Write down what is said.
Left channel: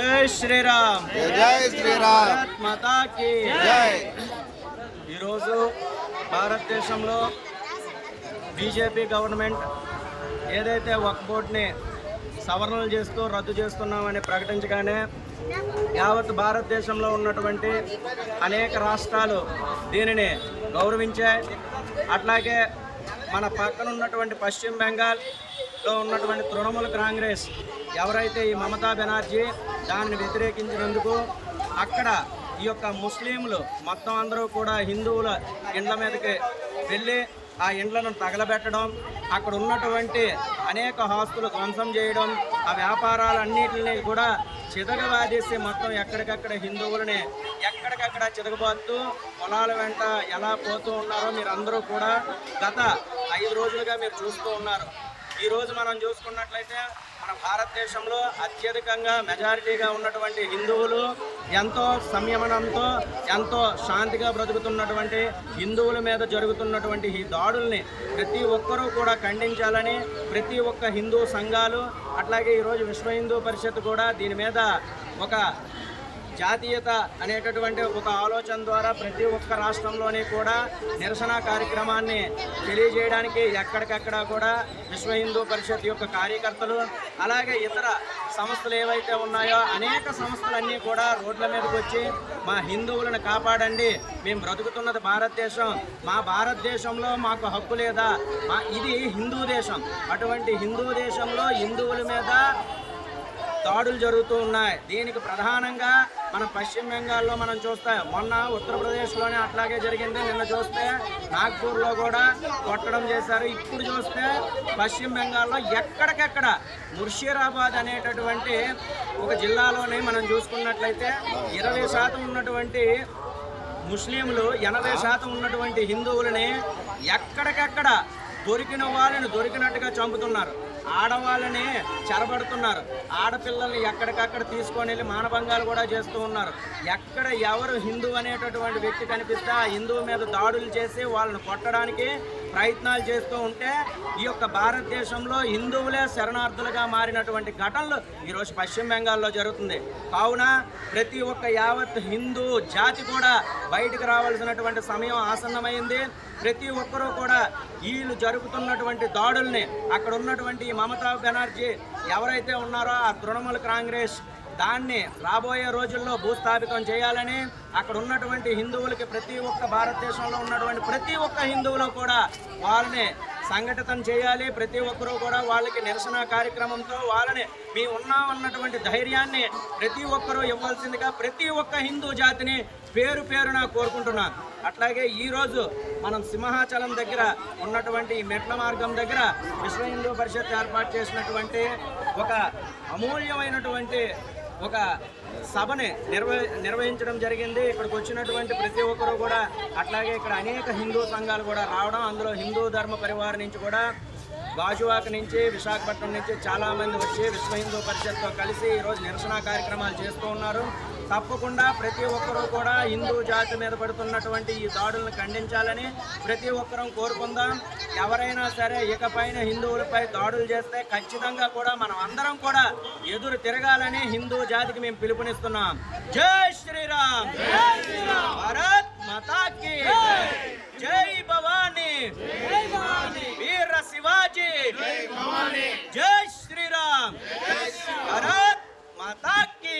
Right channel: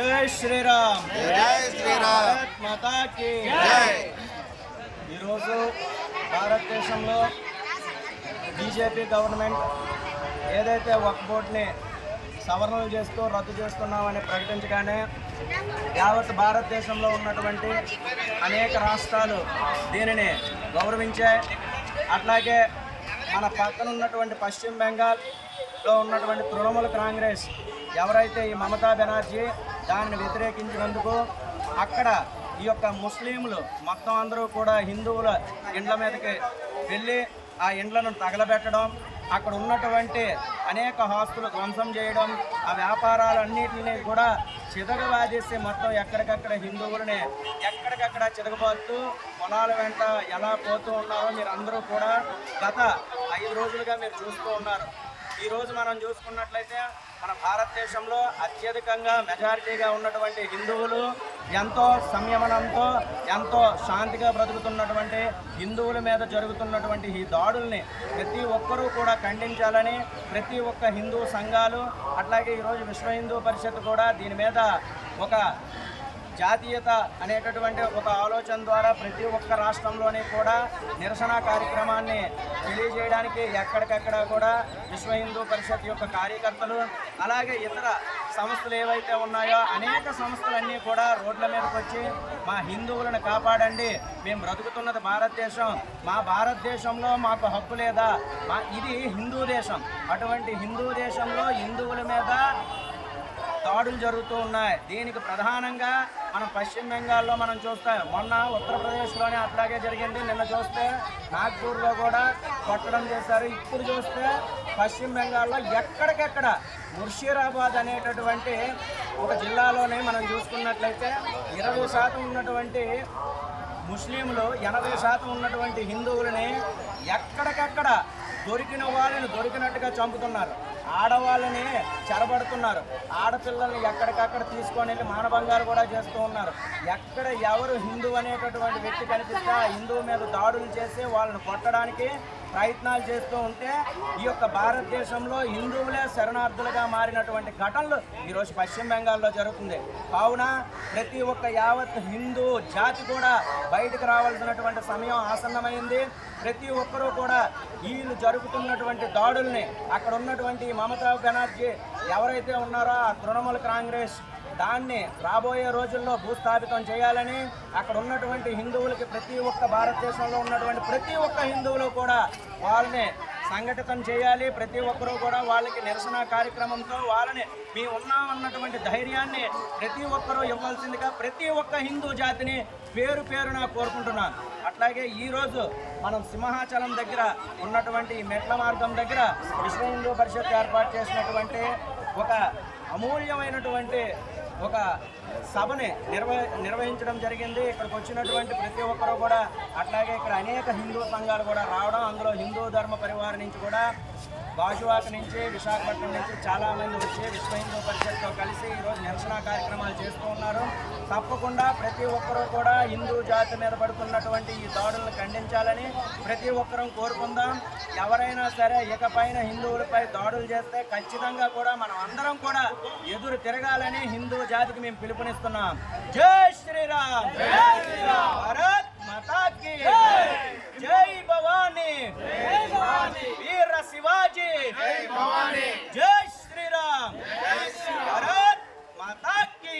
జై శ్రీరామ్, జై శ్రీరామ్, భారత్ మాతా కీ జై. ఈరోజు భారతదేశంలో బీజేపీ గవర్నమెంట్ ఏదైతే వక్ఫ్ బోర్డుని సవరణలు చేస్తూ రద్దు చేస్తున్నామని ప్రకటించగానే యావత్ భారతదేశంలో ఉన్నటువంటి అనేక రాష్ట్రాలు దీనిని గౌరవించాయి. అట్లాగే మన పక్కన ఉన్నటువంటి పశ్చిమ బెంగాల్లో ఉన్నటువంటి తృణమూల్ కాంగ్రెస్ ఎవరైతే ఈ మమతా బెనర్జీ దానిని వ్యతిరేకించినందుకు అక్కడ ఈ యొక్క ముస్లింలు మొత్తం అందరూ కూడా హిందువుల ఇండ్ల మీదకి వెళ్ళి ఆ ఇండ్లను తగలబెట్టడం, అక్కడ ఉన్నటువంటి అనేక ఆస్తులు ధ్వంసం చేయడం, ఆ వ్యాపారాలన్నింటినీ కూడా చితకబాదేసి మొత్తం ఎక్కడికక్కడ హిందువులని ఎక్కడికక్కడ చితకబోతూ పొలాల వెంట ఎలా పోతూ ఉన్నారో మీరు అందరూ కూడా గత 5 రోజులుగా మీరు చూస్తూ ఉన్నారు. ఈరోజు మనం చూసుకున్నట్లయితే మన భారతదేశంలో అత్యధికంగా మెజారిటీగా ఉన్నటువంటి హిందువులు ఎంతో సంయమనంతో ఎంతో శాంతిగా బ్రతుకుతున్నటువంటి హిందువుల మీద జరుగుతున్నటువంటి ఈ దాడుల్ని ప్రతి ఒక్కరూ కూడా ఖండించాలని ప్రతి ఒక్క హిందూ సంఘాలు అట్లాగే ఈరోజు విశ్వ హిందూ పరిషత్ కూడా దీని మీద ఒక జాతీయత అనేటటువంటి ఒక ఆలోచన ద్వారా ప్రతి ఒక్క రాష్ట్రంలోని కూడా నిరసన కార్యక్రమాన్ని తెలియజేయడానికి ఎక్కడికక్కడ కూడా విశ్వ హిందూ పరిషత్ యొక్క కార్యకర్తలు అలాగే ఇతర సంస్థలు ఏవైతే ఉన్నాయో అనేక సంస్థలన్నీ కూడా రోడ్ల మీదకి వచ్చి మా హిందువులను కాపాడండి, మేము బ్రతుకుతున్నది భారతదేశం, మా భారతదేశంలో మాకు హక్కు లేదా, ఇది హిందూ దేశం, అటువంటి హిందూ దేశంలో హిందువుల మీద దాడులు జరుగుతూ ఉన్నాయి. దీనికి ప్రధానంగా మనం పశ్చిమ బెంగాల్లో మనం చూస్తాం, మొన్న ఉత్తరప్రదేశ్లోనే అట్లాగే జరిగింది, నిన్న చూస్తే నాగ్పూర్లో కూడా కొట్టడం చేశారు. ఇప్పుడు చూస్తే పశ్చిమ బెంగాల్లో ఎక్కడికెక్కడ ముర్షిదాబాద్ అనేటటువంటి ఒక జిల్లాలోనే మనం చూసుకున్నట్లయితే 20% ఉన్నటువంటి ముస్లింలు 80% ఉన్నటువంటి హిందువులని ఎక్కడికెక్కడ దొరికిన వాళ్ళని దొరికినట్టుగా చంపుతున్నారు, ఆడవాళ్ళని చెరబడుతున్నారు, ఆడపిల్లల్ని ఎక్కడికక్కడ తీసుకొని వెళ్ళి మానభంగాలు కూడా చేస్తూ ఉన్నారు. ఎక్కడ ఎవరు హిందూ అనేటటువంటి వ్యక్తి కనిపిస్తే ఆ హిందువు మీద దాడులు చేసి వాళ్ళని కొట్టడానికి ప్రయత్నాలు చేస్తూ ఉంటే ఈ యొక్క భారతదేశంలో హిందువులే శరణార్థులుగా మారినటువంటి ఘటనలు ఈరోజు పశ్చిమ బెంగాల్లో జరుగుతుంది. కావున ప్రతి ఒక్క యావత్ హిందూ జాతి కూడా బయటకు రావాల్సినటువంటి సమయం ఆసన్నమైంది. ప్రతి ఒక్కరూ కూడా వీళ్ళు జరుగుతున్నటువంటి దాడుల్ని అక్కడ ఉన్నటువంటి మమతా బెనర్జీ ఎవరైతే ఉన్నారో ఆ తృణమూల్ కాంగ్రెస్ దాన్ని రాబోయే రోజుల్లో భూస్థాపితం చేయాలని అక్కడ ఉన్నటువంటి హిందువులకి ప్రతి ఒక్క భారతదేశంలో ఉన్నటువంటి ప్రతి ఒక్క హిందువులు కూడా వాళ్ళని సంఘటితం చేయాలి. ప్రతి ఒక్కరూ కూడా వాళ్ళకి నిరసన కార్యక్రమంతో వాళ్ళని మీ ఉన్నామన్నటువంటి ధైర్యాన్ని ప్రతి ఒక్కరూ ఇవ్వాల్సిందిగా ప్రతి ఒక్క హిందూ జాతిని పేరు పేరున కోరుకుంటున్నాను. అట్లాగే ఈరోజు మనం సింహాచలం దగ్గర ఉన్నటువంటి మెట్ల మార్గం దగ్గర విశ్వ హిందూ పరిషత్ ఏర్పాటు చేసినటువంటి ఒక అమూల్యమైనటువంటి ఒక సభని నిర్వహించడం జరిగింది. ఇక్కడికి వచ్చినటువంటి ప్రతి ఒక్కరూ కూడా అట్లాగే ఇక్కడ అనేక హిందూ సంఘాలు కూడా రావడం, అందులో హిందూ ధర్మ పరివార్ నుంచి కూడా గాజువాక నుంచి విశాఖపట్నం నుంచి చాలామంది వచ్చి విశ్వ హిందూ పరిషత్తో కలిసి ఈరోజు నిరసన కార్యక్రమాలు చేస్తూ ఉన్నారు. తప్పకుండా ప్రతి ఒక్కరూ కూడా హిందూ జాతి మీద పడుతున్నటువంటి ఈ దాడులను ఖండించాలని ప్రతి ఒక్కరూ కోరుకుందాం. ఎవరైనా సరే ఇకపైన హిందువులపై దాడులు చేస్తే ఖచ్చితంగా కూడా మనం అందరం కూడా ఎదురు తిరగాలని హిందూ జాతికి మేము పిలుపునిస్తున్నాం. జై శ్రీరామ్, భారత్ మాతా కీ జై భవానీ, వీర శివాజీ, జై శ్రీరామ్, భారత్ మాతా కీ.